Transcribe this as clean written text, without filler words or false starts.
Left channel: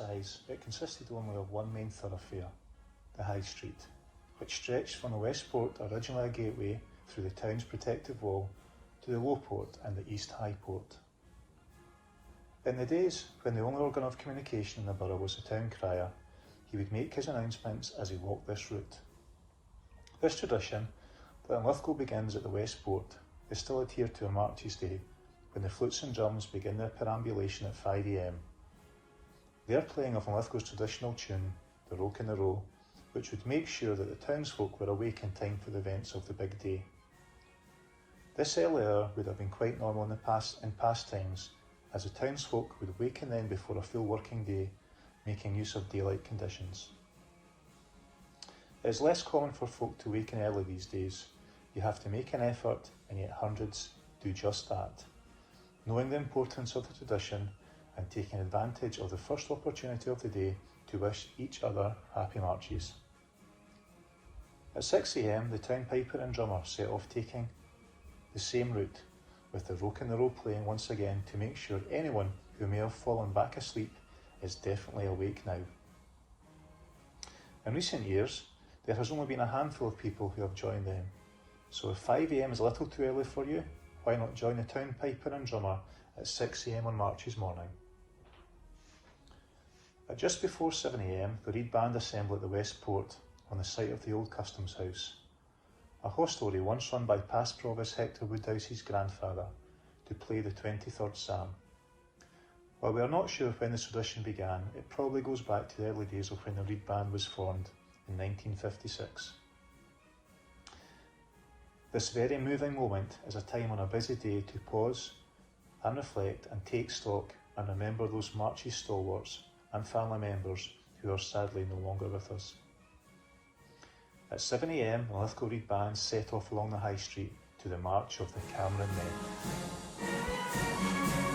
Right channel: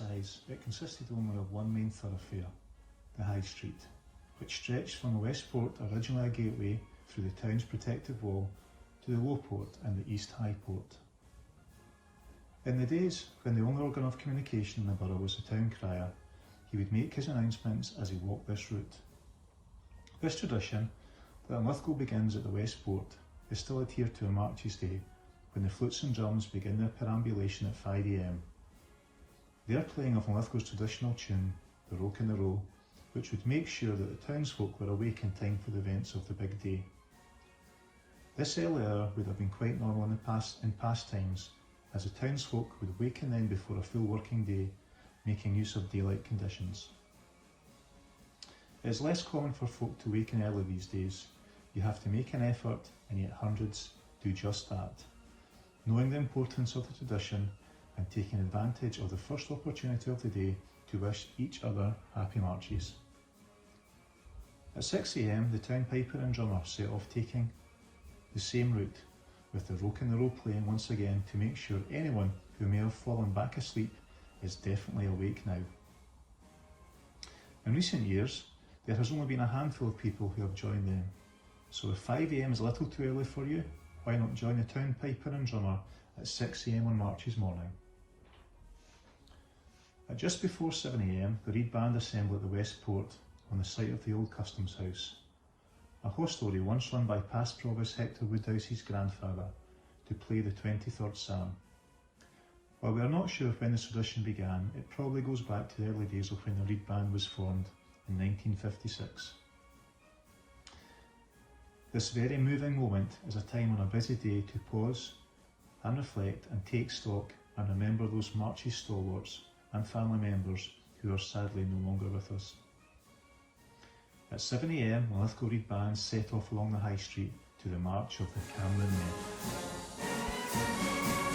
size, it consisted only of one main thoroughfare, the High Street, which stretched from the Westport, originally a gateway through the town's protective wall, to the Lowport and the East High Port. In the days when the only organ of communication in the borough was the town crier, he would make his announcements as he walked this route. This tradition, that in Lithgow begins at the Westport, is still adhered to on Marches Day, when the flutes and drums begin their perambulation at 5 a.m. Their playing of Lithgow's traditional tune, the Roke in the Row, which would make sure that the townsfolk were awake in time for the events of the big day. This early hour would have been quite normal in past times, as the townsfolk would waken then before a full working day, making use of daylight conditions. It is less common for folk to waken early these days. You have to make an effort, and yet hundreds do just that, knowing the importance of the tradition and taking advantage of the first opportunity of the day to wish each other happy marches. At 6 a.m, the town piper and drummer set off taking the same route, with the Roke in the Row playing once again to make sure anyone who may have fallen back asleep is definitely awake now. In recent years, there has only been a handful of people who have joined them, so if 5 a.m is a little too early for you, why not join the town piper and drummer at 6 a.m on Marches morning? At just before 7 a.m, the Reed Band assemble at the Westport on the site of the old Customs House, a hostelry once run by past Provost Hector Woodhouse's grandfather, to play the 23rd Psalm. While we are not sure when this tradition began, it probably goes back to the early days of when the Reed Band was formed in 1956. This very moving moment is a time on a busy day to pause and reflect and take stock and remember those Marches stalwarts and family members who are sadly no longer with us. At 7 a.m, the Lithgow Reed Band set off along the High Street to the march of the Cameron Men.